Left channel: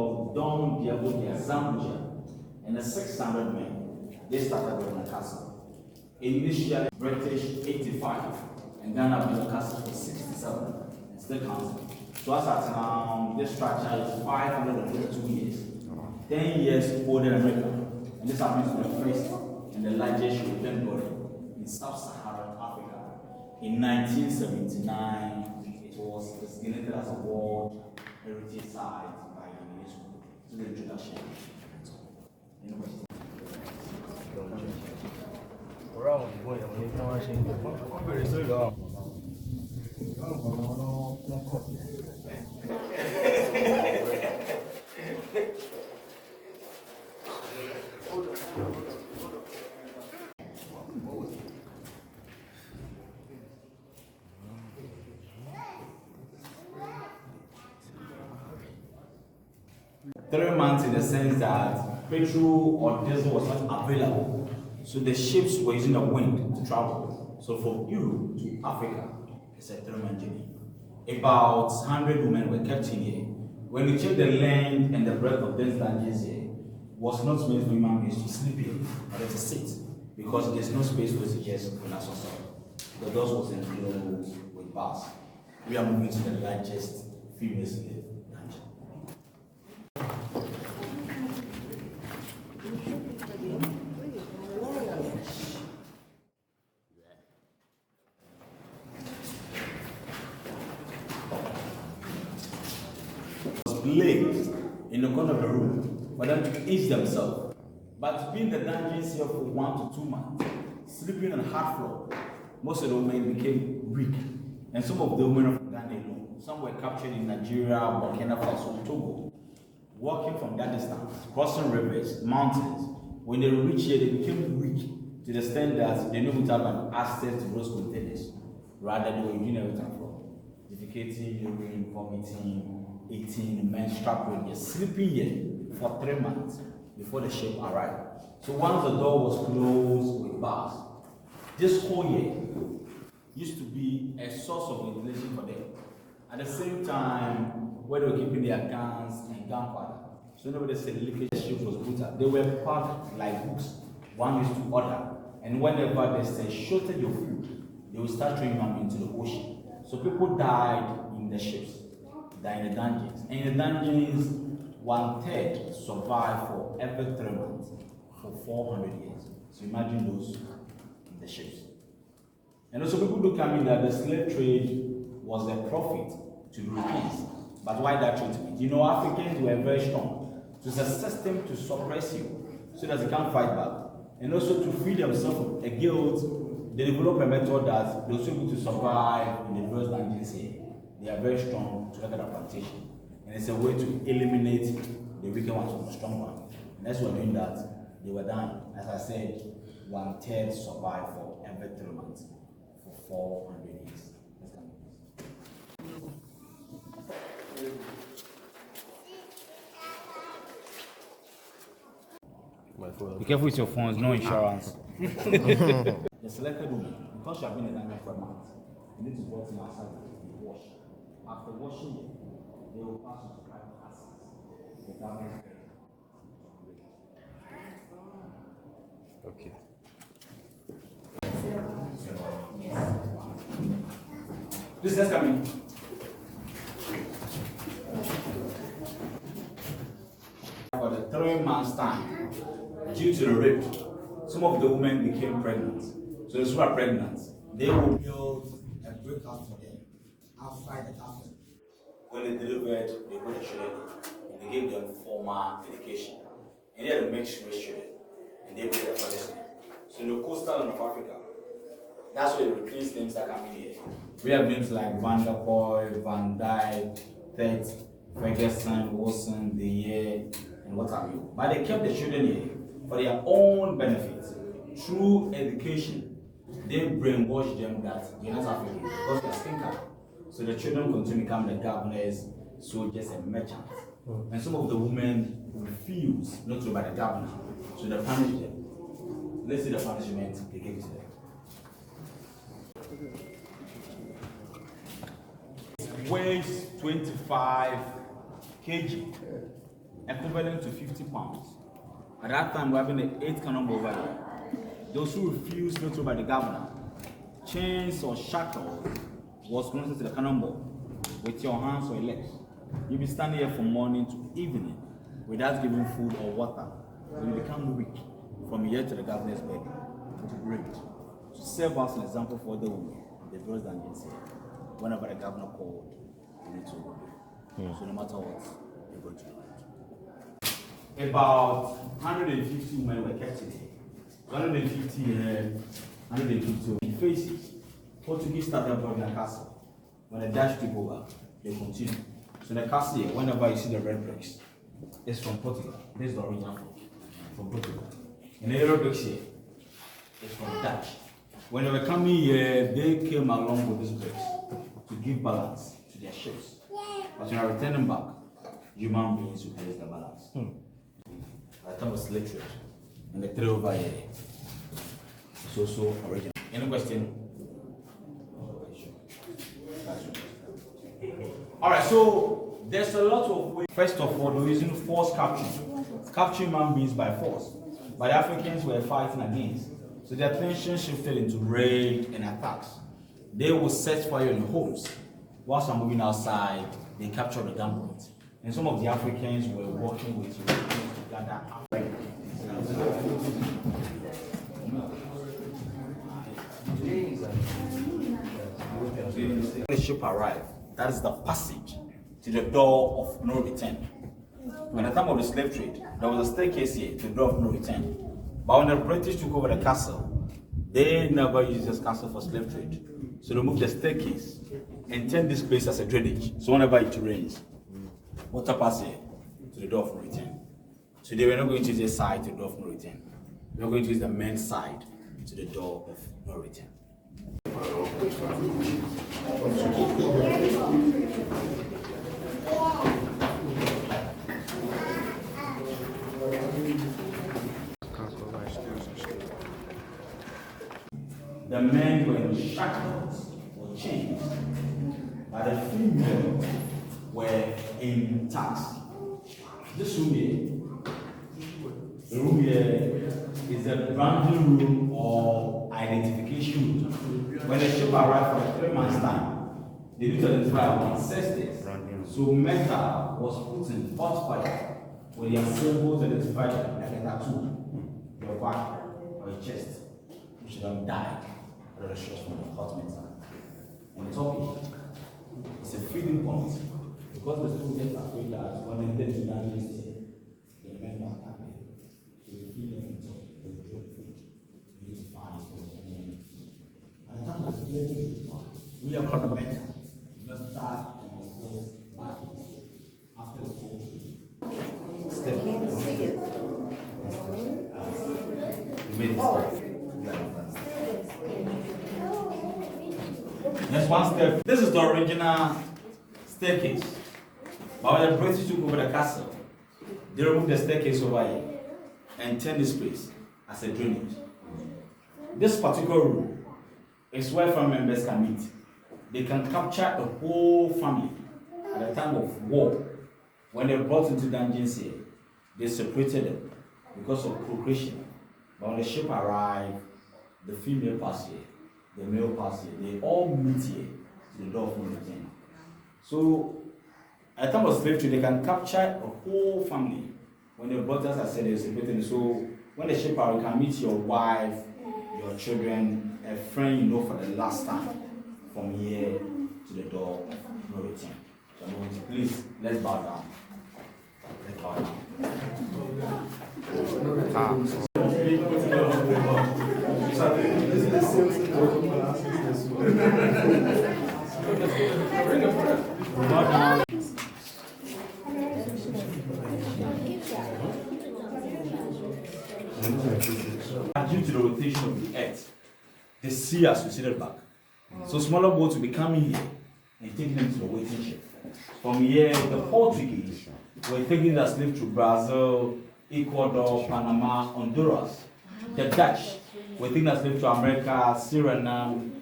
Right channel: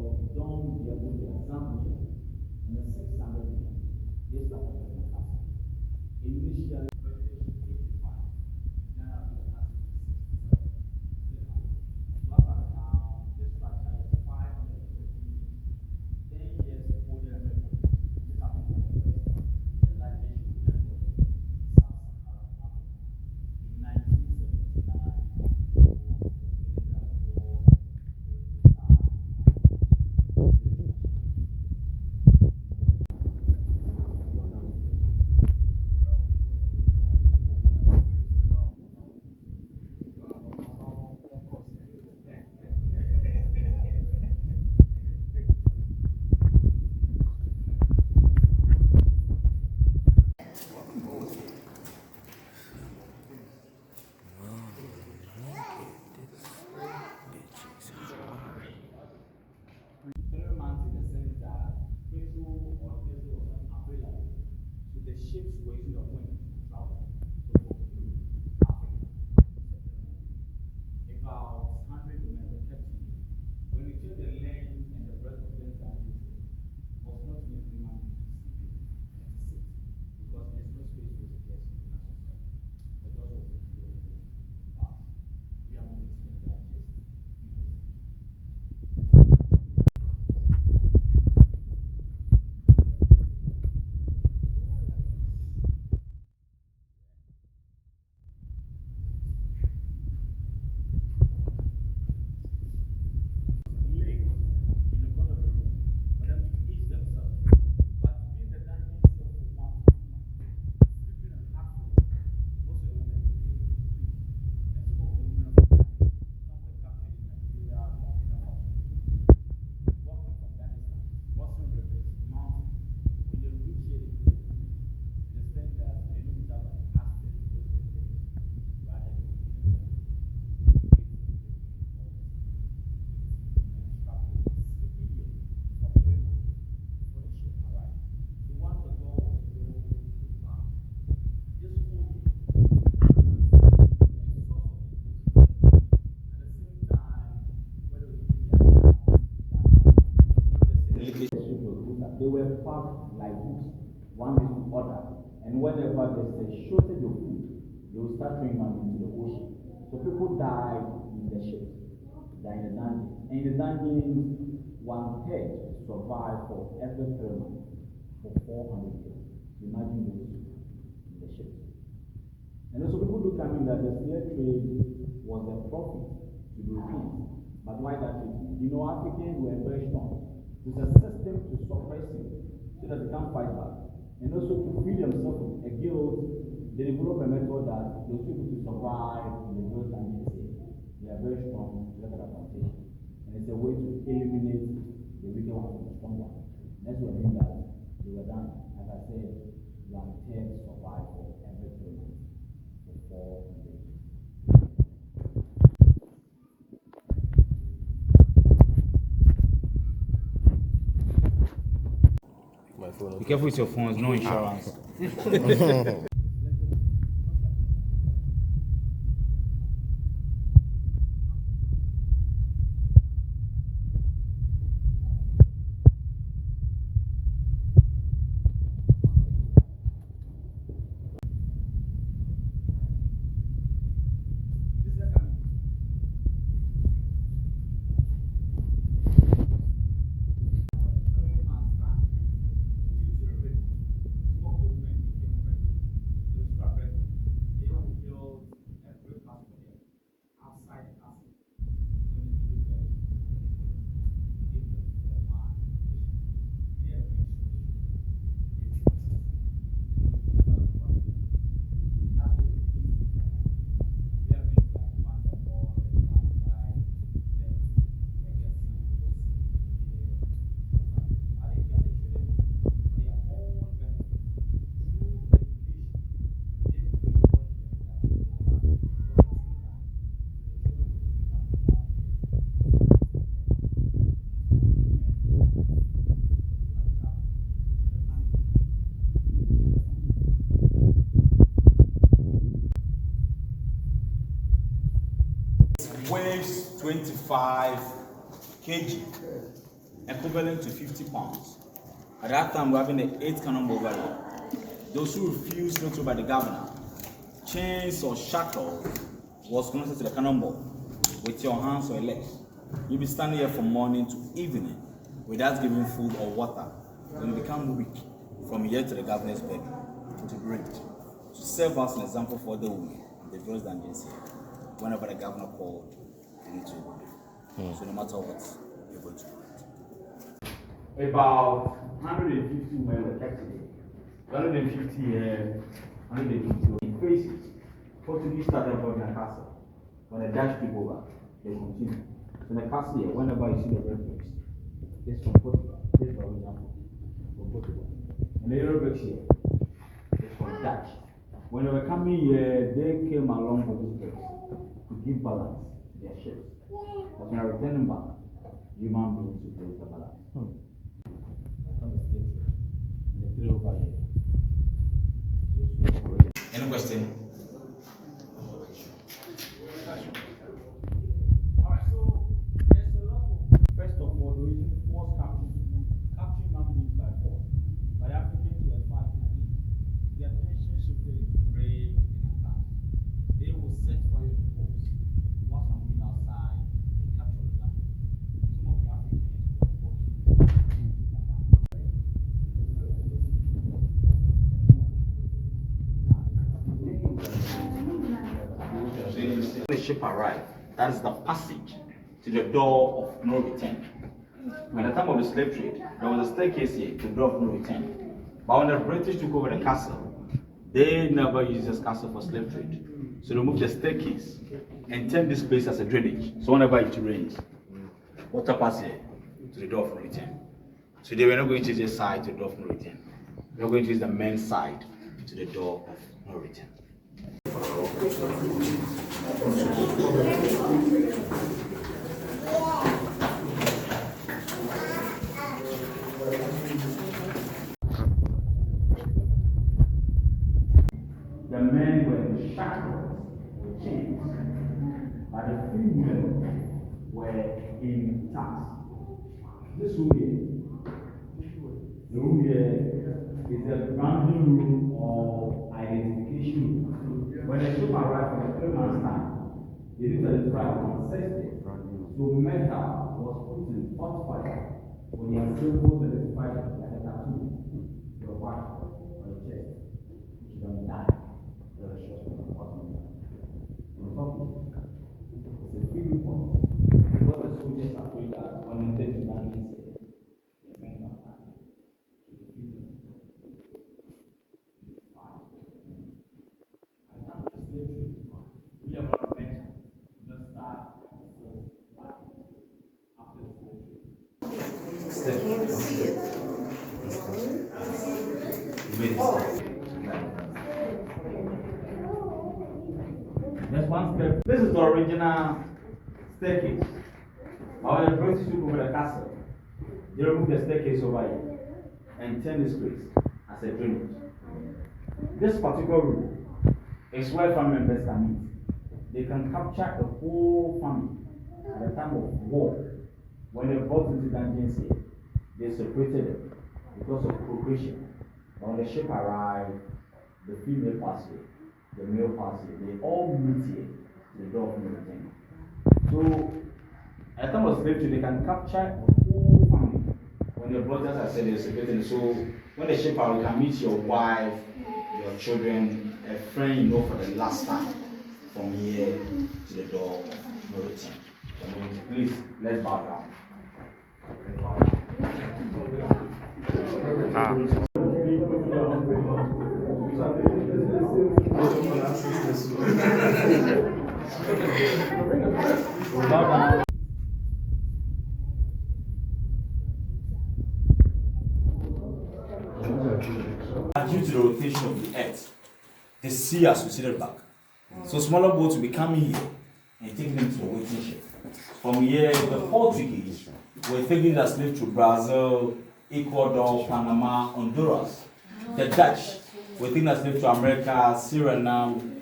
called Don Diego de Zambuja and the 600 men. They started with the castle. Initially, British 85 and Ghana built the castle for 67 and still counting. So as at now, this structure is 532 years, 10 years older than America. And this happens to be the first and the largest European building in sub-Saharan Africa. In 1979, it was designated as a World Heritage Site by UNESCO. So the introduction. Three months in the sense that petrol or diesel was not available. So the ships were using the wind to travel. So from Europe to Africa, it's a 3-month journey. About 100 women were kept in here. When you check the length and the breadth of this dungeons here, was not meant for human beings to sleep here, but to sit. Because there's no space for it to just relax yourself. The doors was enclosed with bars. We are moving to the largest female slave dungeon. Placed in the corner of the room for them to ease themselves. But being the dungeons here for 1 to 2 months, sleeping on the hard floor, most of the women became weak. And some of the women from Ghana, some were captured in Nigeria, Burkina Faso, Togo. Walking from that distance, crossing rivers, mountains, when they reached here, they became weak to the extent that they didn't have an access to those containers. Rather, they were using everything from defecating, urine, vomiting, eating, menstrual period, sleeping here for 3 months before the ship arrived. So once the door was closed with bars, this whole year used to be a source of ventilation for them. At the same time, where they were keeping their guns and gunpowder, so nobody said the leakage ship was put up. They were packed like books, one used to order. And whenever there's a shortage of food, they will start throwing them into the ocean. So people died in the ships. They're in the dungeons. And in the dungeons, 1/3 survived for every 3 months for 400 years. So imagine those in the ships. And also people do come in that the slave trade was a profit to Europeans. But why that treatment? You know, Africans were very strong. So it's a system to suppress you so that they can't fight back. And also to free themselves from a guilt, they develop a method that they're able to survive in the various dungeons here. They are very strong to look at the plantation. And it's a way to eliminate the weaker ones from the strong one. And as we're doing that, they were done. As I said, 1/3 survived for every 3 months for 400 years. Be careful with your phones, no insurance. The selected woman, because she has been in Ghana for a month, you need to go to outside to wash. After washing it, they will pass to private houses. Okay. This is coming. For the 3 months' time, due to the rape, some of the women became pregnant. So those who are pregnant, they will build a brick house for them outside the castle. When they delivered, they put the children in. They gave them formal education. And they had to make sure children. And they put the policy. So the coastal of Africa, that's where the European names are coming here. We have names like Van der Poel, Van Dyke, Tet, Ferguson, Wilson, De Geer, and what have you. But they kept the children here for their own benefit. Through education, they brainwash them that you're not African because they're skin color. So the children continue to become the governors, soldiers, and merchants. And some of the women refuse not to by the governor, so they punish them. Let's see the punishment they give to them. Weighs 25 kg. equivalent to 50 pounds. At that time, we're having the 8th cannonball over there. Those who refused veto by the governor, chains or shackles was connected to the cannonball with your hands or your legs. You'll be standing here from morning to evening without giving food or water. When you become weak, from here to the governor's bed, to break, to serve as an example for the women, the girls dungeons here. Whenever the governor called, you need to obey. So no matter what, you're going to do it. About 150 women were kept today. 150 here, 150 faces. Portuguese started building a castle. When the Dutch took over, they continued. So the castle here, whenever you see the red bricks, it's from Portugal. This is the original from Portugal. And the yellow bricks here, it's from Dutch. When they were coming here, they came along with these bricks to give balance to their ships. But when I return them back, human beings will place the balance. I thought it was slave trade. And the three over here. So original. Any question? Alright, so there's a lot of ways. First of all, they're using force capture. Capturing human beings by force. But the Africans were fighting against. So their attention shifted into raid and attacks. They will set fire in homes. Whilst I'm moving outside, they captured the gunboat. And some of the Africans were working with to gather when the ship arrived, that is the passage to the door of no return. At the time of the slave trade, there was a staircase here to the door of no return. But when the British took over the castle, they never used this castle for slave trade. So they moved the staircase and turned this place as a drainage. So whenever it rains, water passes here to the door of no return. So they were not going to use this side to the door of no return. They were going to use the men's side to the door of no return. The men were in shackles or chains, but the females were in tax. This room here, the room here is the branding room or identification room. When the ship arrived for the 3 months' time, they need to identify our ancestors. So metal was put in hot fire with their symbols identified like a tattoo, your back or your chest. You should not die. From the hot metal. And the top is a feeding point because the students are afraid that when they take to that list, the men are happy. So the feeding on top is the need to find for the men. And in terms of slavery, we are not better. Just start and close back after the whole step. Next one step. This is the original staircase. But when the British took over the castle, they removed the staircase over here and turned this place as a drainage. This particular room is where family members can meet. They can capture the whole family at the time of war. When they brought into dungeons here, they separated them because of procreation. But when the ship arrived, the female passed here. The male pass here, they all meet here to the door of no return. So, at the time of slavery, they can capture the whole family. When they brought us, I said they're separated. So, when the ship arrives, you can meet your wife, your children, a friend you know for the last time from here to the door of no return. So, please, let's bow down. Let's bow down. Due to the rotation of the earth, the sea has receded back. So smaller boats will be coming here and taking them to the waiting ship. From here, the Portuguese were taking the slave to Brazil, Ecuador, Panama, Honduras. The Dutch were taking the slave to America, Suriname,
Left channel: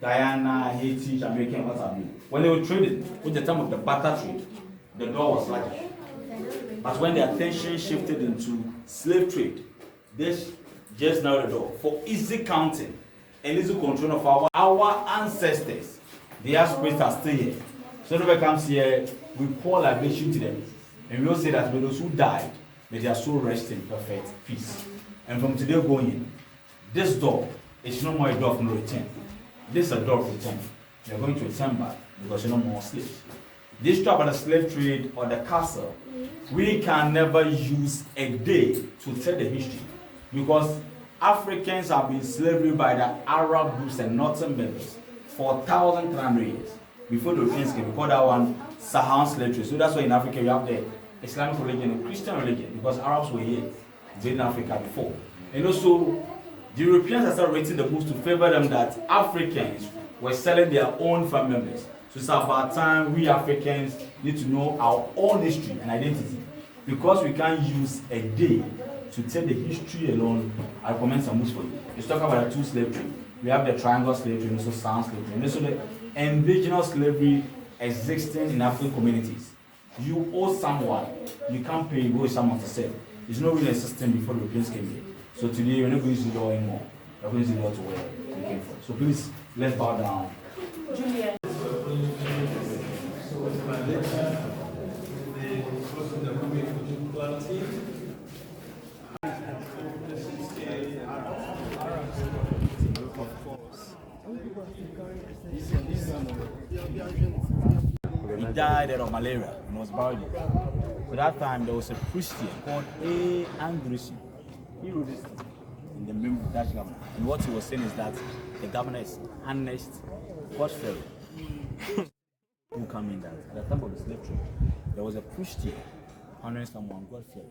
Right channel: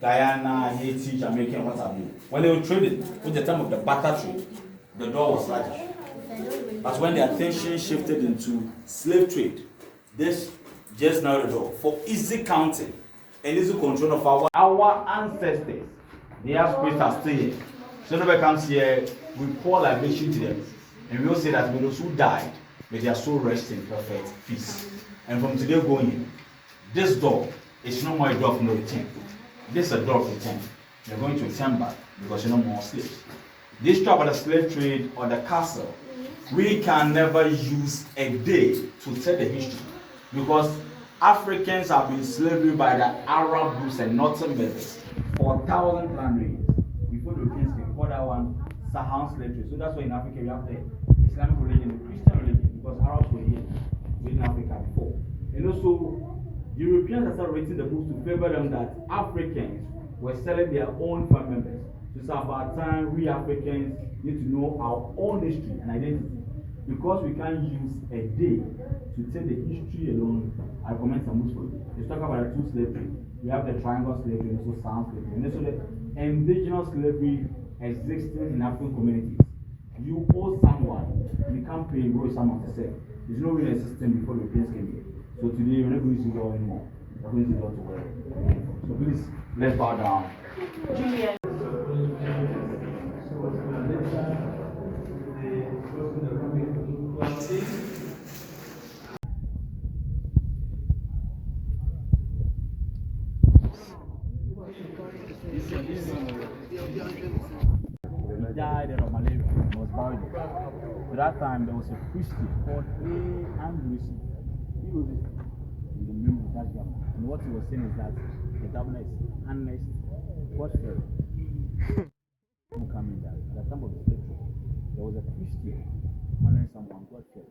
Guyana, Haiti, Jamaica, and what have you. When they were trading, with the time of the barter trade, the door was larger. But when the attention shifted into slave trade, this just narrowed the door for easy counting and easy control of our ancestors. Their spirits are still here. So nobody comes here, we pour libation to them. And we will say that those who died, may their soul rest in perfect peace. And from today going, this door is no more a door of no return. This is a door of return. They're going to return back because you're no more slaves. This trap of the slave trade or the castle, we can never use a day to tell the history because Africans have been slavery by the Arab groups and northern members for 1,300 years. Before the Europeans came, we call that one Saharan slave trade. So that's why in Africa you have the Islamic religion and Christian religion because Arabs were here in Africa before. And also, the Europeans have started writing the books to favor them that Africans were selling their own family members. So it's about time we Africans need to know our own history and identity. Because we can't use a day to tell the history alone, I recommend some books for you. Let's talk about the two slave trade. We have the triangle slavery and also sound slavery. And also the indigenous slavery existing in African communities. You owe someone, you can't pay, you owe someone to sell. There's no real system before the Europeans came here. So today we're not going to use the law anymore. We're going to use the law to wear. So please, let's bow down. Julia. He died of malaria and was buried. So that time there was a priest here called A. Andrewson. He wrote this in the memory of Dutch governor. And what he was saying is that the governor is honest, God-fearing. Who come in that at the time of the slave trade, there was a priest here, honoring someone, God-fearing.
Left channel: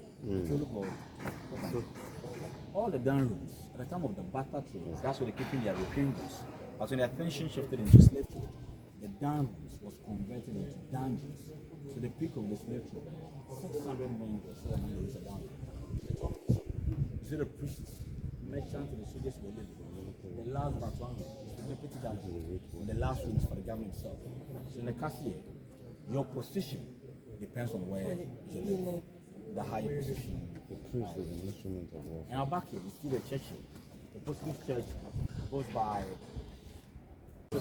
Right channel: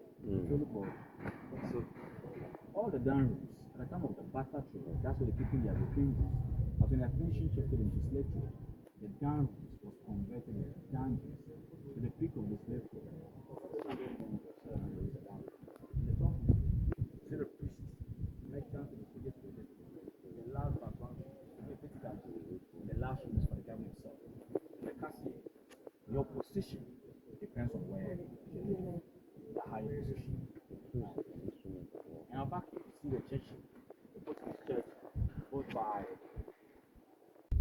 All the down rooms at the time of the barter trade, that's where they're keeping their European goods. But when the attention shifted into slave trade, the down rooms was converted into dungeons. So the peak of the slave trade, 600 men or 7 men is a down room. The top. So the priests, merchants, and the soldiers were living. The last but one is the deputy dungeon, and the last room is for the government itself. So in the castle, your position depends on where you live, the higher position. And our back here, you see the church here. The Portuguese church goes by. We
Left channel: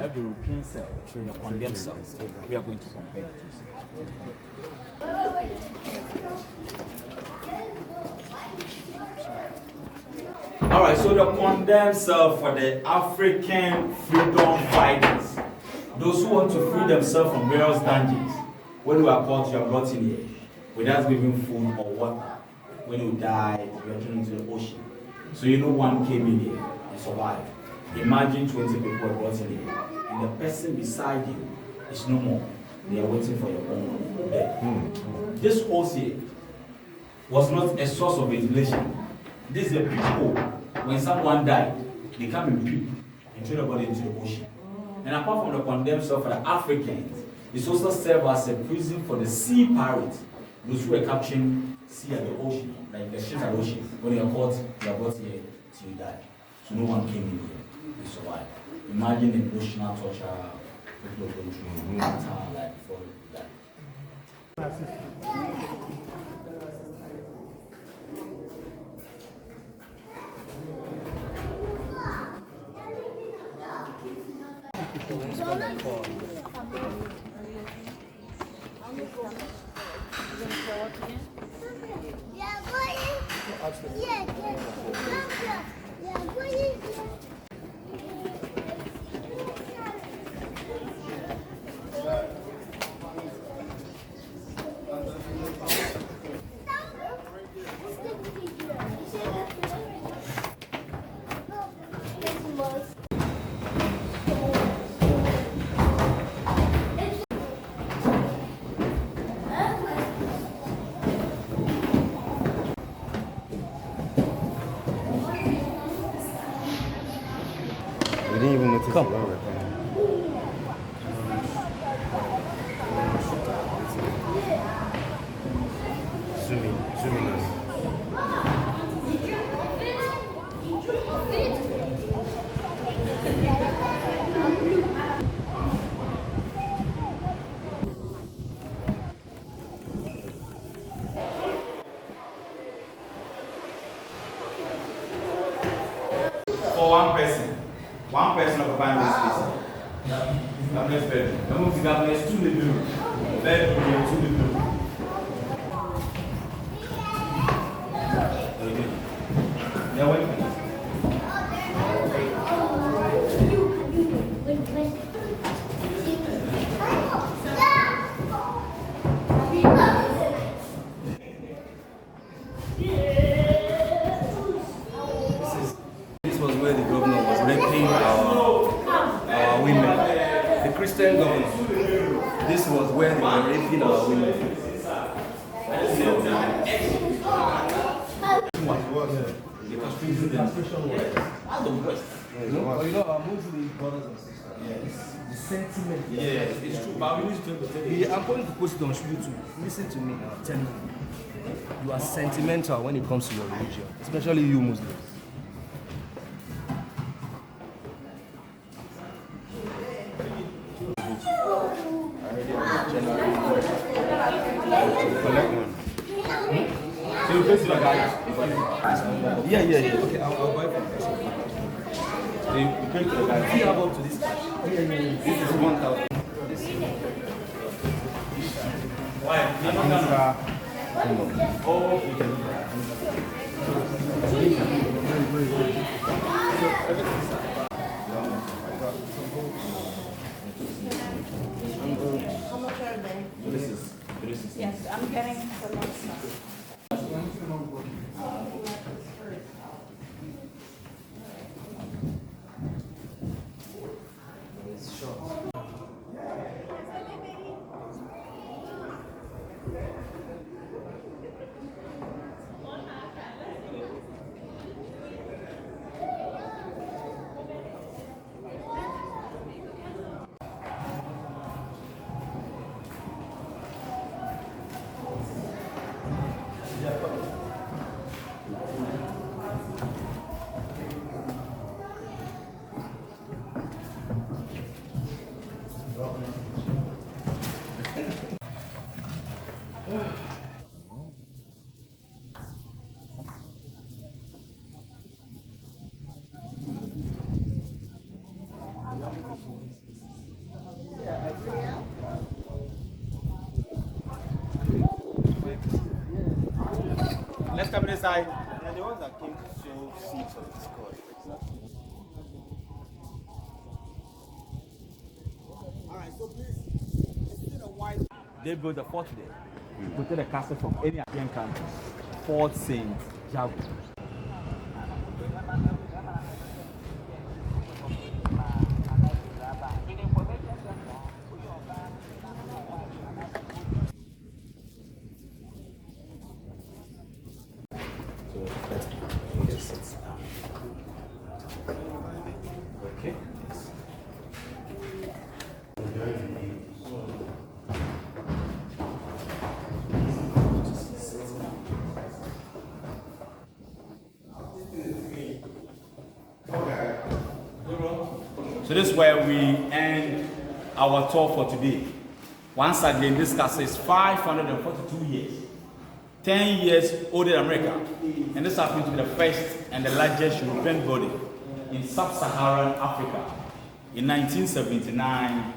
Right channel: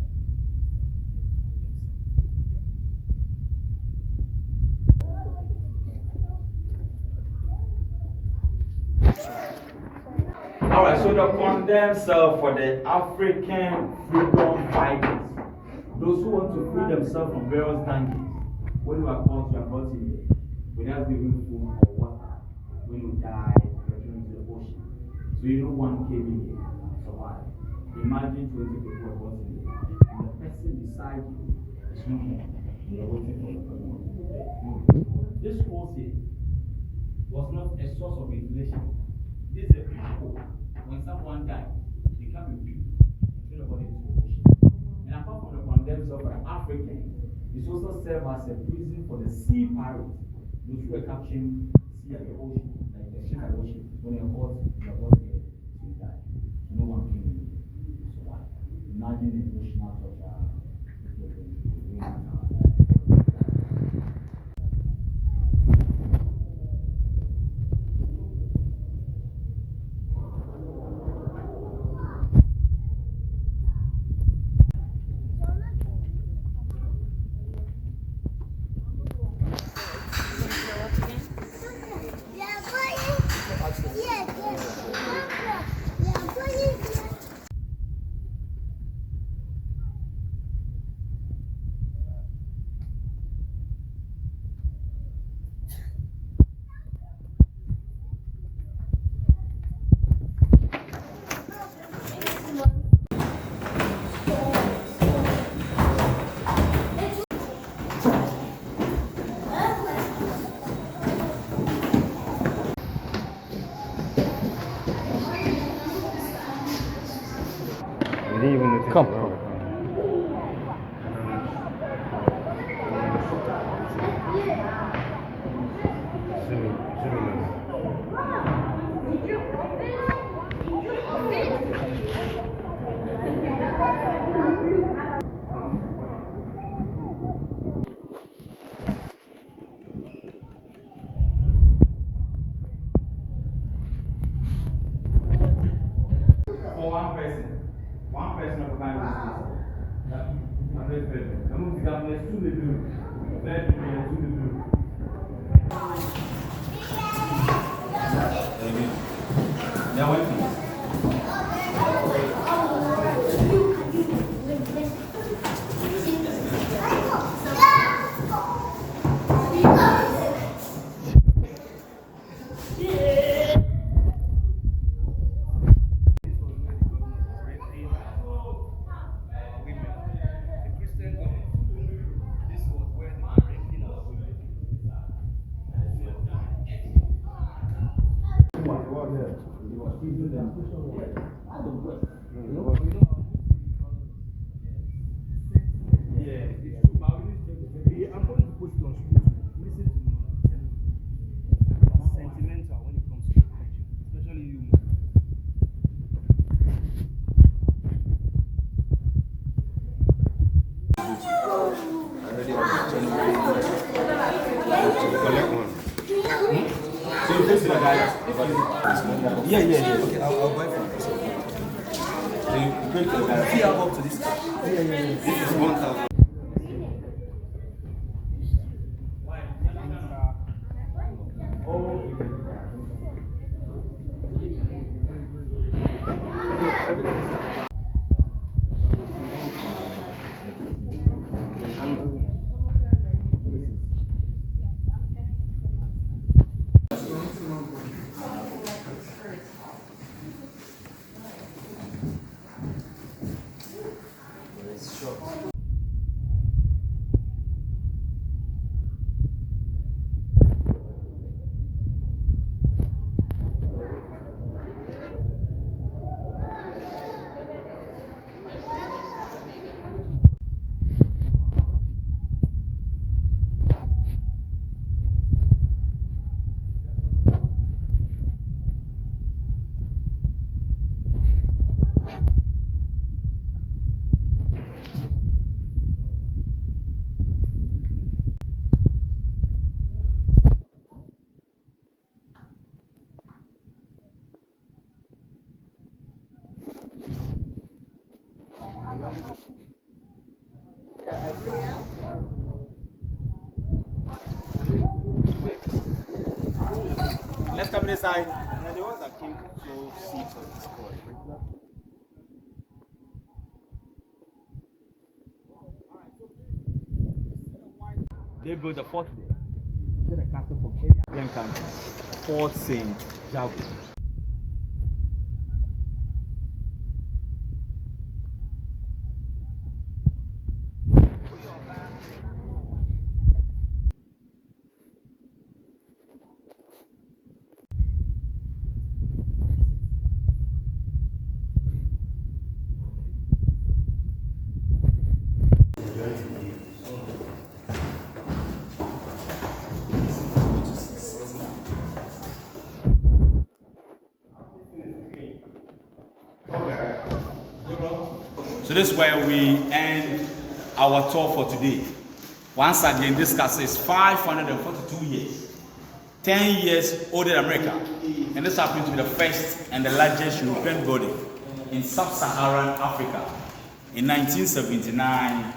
have the European cell, the condemned cells. We are going to compare. Alright, so the condemned cell for the African freedom fighters. Those who want to free themselves from various dungeons. When you are caught, you are brought in here without giving food or water. When you die, you are thrown into the ocean. So you know one came in here and survived. Imagine 20 people were brought in here, and the person beside you is no more. They are waiting for your own death. This horse here was not a source of ventilation. This is a people. When someone died, they come in peep and throw the body into the ocean. And apart from the condemned cell for the Africans, this also served as a prison for the sea pirates, those who were capturing sea at the ocean, like the ships at the ocean. When you are brought here till you die. So no one came in here. Survive. Imagine emotional torture people are going through like before they die. Come. Zoom in. This was where the governor was raping our women. The Christian governor. This was where they were raping our women. You know our Muslim brothers and sisters. The sentiment. Yes, it's true, but we need to I'm going to post it on YouTube. Listen to me now. Tell me. You are sentimental when it comes to your religion, especially you Muslims. Collect one. So you face the guy. Yeah. Okay, I'll buy from this. So you pay the guy. If you have up to this cash. This is 1,000. Yes, I'm getting some more stuff. Let's come inside. And the ones that came to sow seeds of discord. They built a fort there. Put a castle from any African country. Fort Saint Jago. So this is where we end our tour for today. Once again, this castle is 542 years, 10 years older than America. And this happens to be the first and the largest European building in sub-Saharan Africa. In 1979,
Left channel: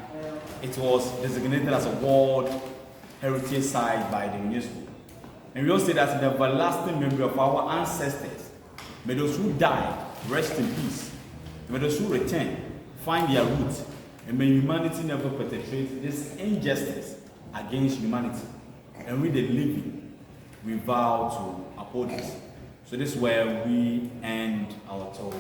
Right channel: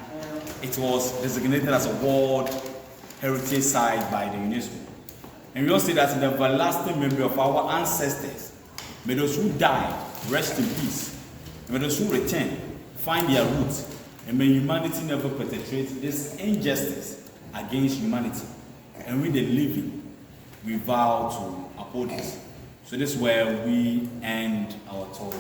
it was designated as a World Heritage Site by the UNESCO. And we also say that in the everlasting memory of our ancestors, may those who died rest in peace. May those who return find their roots, and may humanity never perpetrate this injustice against humanity. And we, the living, we vow to uphold this. So this is where we end our tour